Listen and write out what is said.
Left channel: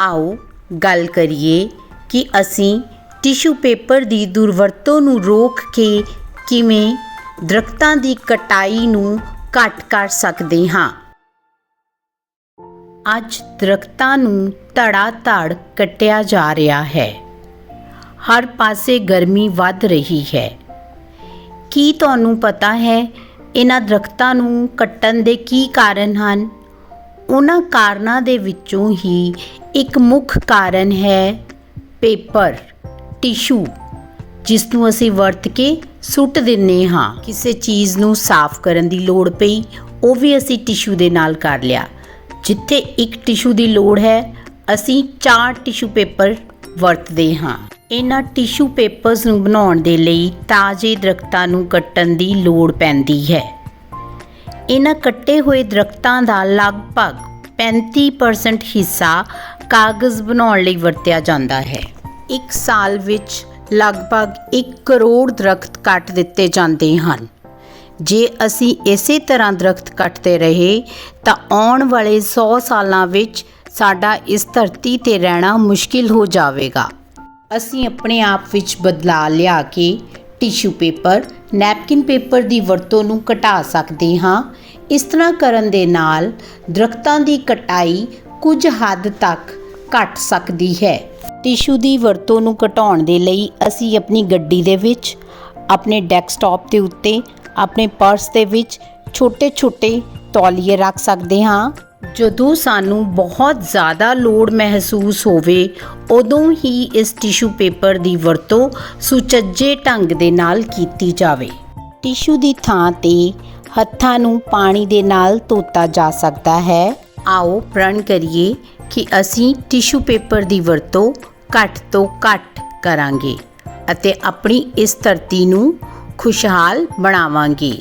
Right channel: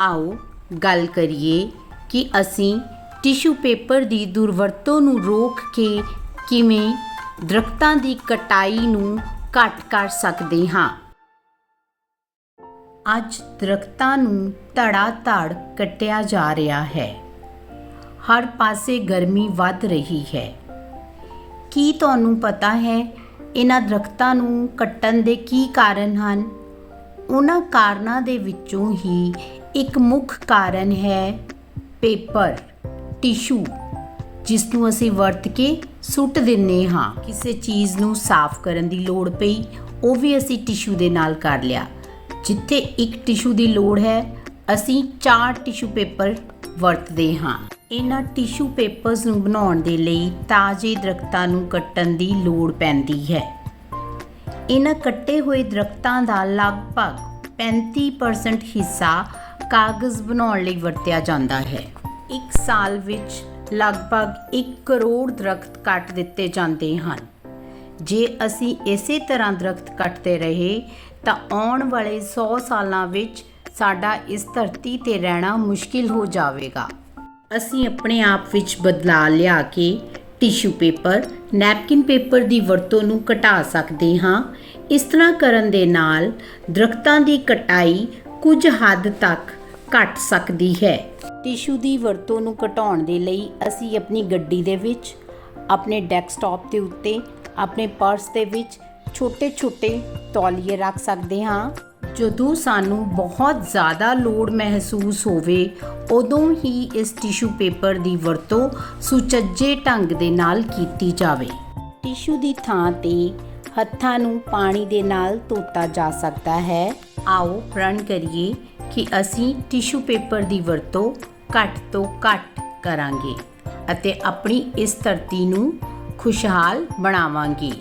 ਆਓ ਗੱਲ ਕਰੀਏ ਕਿ ਅਸੀਂ ਟਿਸ਼ੂ ਪੇਪਰ ਦੀ ਦੁਰਵਰਤੋਂ ਨੂੰ ਰੋਕ ਕੇ ਕਿਵੇਂ ਦਰਖਤਾਂ ਦੀ ਕਟਾਈ ਨੂੰ ਘੱਟ ਕਰ ਸਕਦੇ ਹਾਂ। ਅੱਜ ਦਰਖਤਾਂ ਨੂੰ ਧੜਾ ਧੜ ਕੱਟਿਆ ਜਾ ਰਿਹਾ ਹੈ। ਹਰ ਪਾਸੇ ਗਰਮੀ ਵੱਧ ਰਹੀ ਹੈ। ਕੀ ਤੁਹਾਨੂੰ ਪਤਾ ਹੈ, ਇਹਨਾਂ ਦਰਖਤਾਂ ਨੂੰ ਕੱਟਣ ਦੇ ਕੀ ਕਾਰਨ ਹਨ? ਉਹਨਾਂ ਕਾਰਨਾਂ ਦੇ ਵਿੱਚੋਂ ਹੀ ਇੱਕ ਮੁੱਖ ਕਾਰਨ ਹੈ ਪੇਪਰ, ਟਿਸ਼ੂ, ਜਿਸ ਨੂੰ ਅਸੀਂ ਵਰਤ ਕੇ ਸੁੱਟ ਦਿੰਨੇ ਹਾਂ। ਕਿਸੇ ਚੀਜ਼ ਨੂੰ ਸਾਫ਼ ਕਰਨ ਦੀ ਲੋੜ ਪਈ, ਉਹ ਵੀ ਅਸੀਂ ਟਿਸ਼ੂ ਦੇ ਨਾਲ ਕਰ ਲਿਆ। ਜਿੱਥੇ ਇੱਕ ਟਿਸ਼ੂ ਦੀ ਲੋੜ ਹੈ, ਅਸੀਂ ਚਾਰ ਟਿਸ਼ੂ ਪੇਪਰ ਵਰਤਦੇ ਹਾਂ। ਇਹਨਾਂ ਟਿਸ਼ੂ ਪੇਪਰਸ ਨੂੰ ਬਣਾਉਣ ਦੇ ਲਈ ਤਾਜ਼ੇ ਦਰਖਤਾਂ ਨੂੰ ਕੱਟਣ ਦੀ ਲੋੜ ਪੈਂਦੀ ਹੈ। ਇਹਨਾਂ ਕੱਟੇ ਹੋਏ ਦਰਖਤਾਂ ਦਾ ਲਗਭਗ 35% ਹਿੱਸਾ ਕਾਗਜ਼ ਬਣਾਉਣ ਲਈ ਵਰਤਿਆ ਜਾਂਦਾ ਹੈ। ਇੱਕ ਸਾਲ ਵਿੱਚ ਲਗਭਗ 1 ਕਰੋੜ ਦਰਖਤ ਕੱਟ ਦਿੱਤੇ ਜਾਂਦੇ ਹਨ। ਜੇ ਅਸੀਂ ਇਸੇ ਤਰ੍ਹਾਂ ਦਰਖਤ ਕੱਟਦੇ ਰਹੇ, ਤਾਂ ਆਉਣ ਵਾਲੇ 100 ਸਾਲਾਂ ਵਿੱਚ ਸਾਡਾ ਇਸ ਧਰਤੀ ਤੇ ਰਹਿਣਾ ਮੁਸ਼ਕਿਲ ਹੋ ਜਾਵੇਗਾ। ਅਸੀਂ ਆਪਣੇ ਆਪ ਵਿੱਚ ਬਦਲਾਅ ਲਿਆ ਕੇ ਟਿਸ਼ੂ ਪੇਪਰ, ਨੈਪਕਿਨ ਪੇਪਰ ਦੀ ਵਰਤੋਂ ਨੂੰ ਘਟਾ ਸਕਦੇ ਹਾਂ। ਇਸ ਤਰ੍ਹਾਂ ਕਰਨ ਦੇ ਨਾਲ ਦਰਖਤਾਂ ਦੀ ਕਟਾਈ ਕੁਝ ਹੱਦ ਤੱਕ ਘਟ ਸਕਦੀ ਹੈ। ਟਿਸ਼ੂ ਦੀ ਵਰਤੋਂ ਨੂੰ ਘਟਾਉਣ ਦੇ ਲਈ ਅਸੀਂ ਆਪਣੀ ਗੱਡੀ ਦੇ ਵਿੱਚ, ਆਪਣੇ ਡੈਸਕਟਾਪ ਦੇ ਉੱਤੇ, ਆਪਣੇ ਪਰਸ ਦੇ ਵਿੱਚ ਛੋਟੇ-ਛੋਟੇ ਤੌਲੀਏ ਰੱਖ ਸਕਦੇ ਹਾਂ। ਜਦੋਂ ਸਾਨੂੰ ਬਹੁਤ ਜ਼ਿਆਦਾ ਲੋੜ ਮਹਿਸੂਸ ਹੋਵੇ, ਉਦੋਂ ਹੀ ਇਸ ਟਿਸ਼ੂ ਪੇਪਰ ਦੀ ਵਰਤੋਂ ਸੁਚੱਜੇ ਢੰਗ ਦੇ ਨਾਲ ਕੀਤੀ ਜਾਵੇ। ਟਿਸ਼ੂ ਦੀ ਥਾਂ ਤੇ ਹੱਥਾਂ ਨੂੰ ਪਾਣੀ ਦੇ ਨਾਲ ਧੋਤਾ ਜਾ ਸਕਦਾ ਹੈ। ਆਓ ਪ੍ਰਣ ਕਰੀਏ ਕਿ ਅਸੀਂ ਟਿਸ਼ੂ ਪੇਪਰ ਦੀ ਵਰਤੋਂ ਘੱਟ ਤੋਂ ਘੱਟ ਕਰਾਂਗੇ ਅਤੇ ਆਪਣੀ ਇਸ ਧਰਤੀ ਨੂੰ ਖੁਸ਼ਹਾਲ ਬਣਾਵਾਂਗੇ।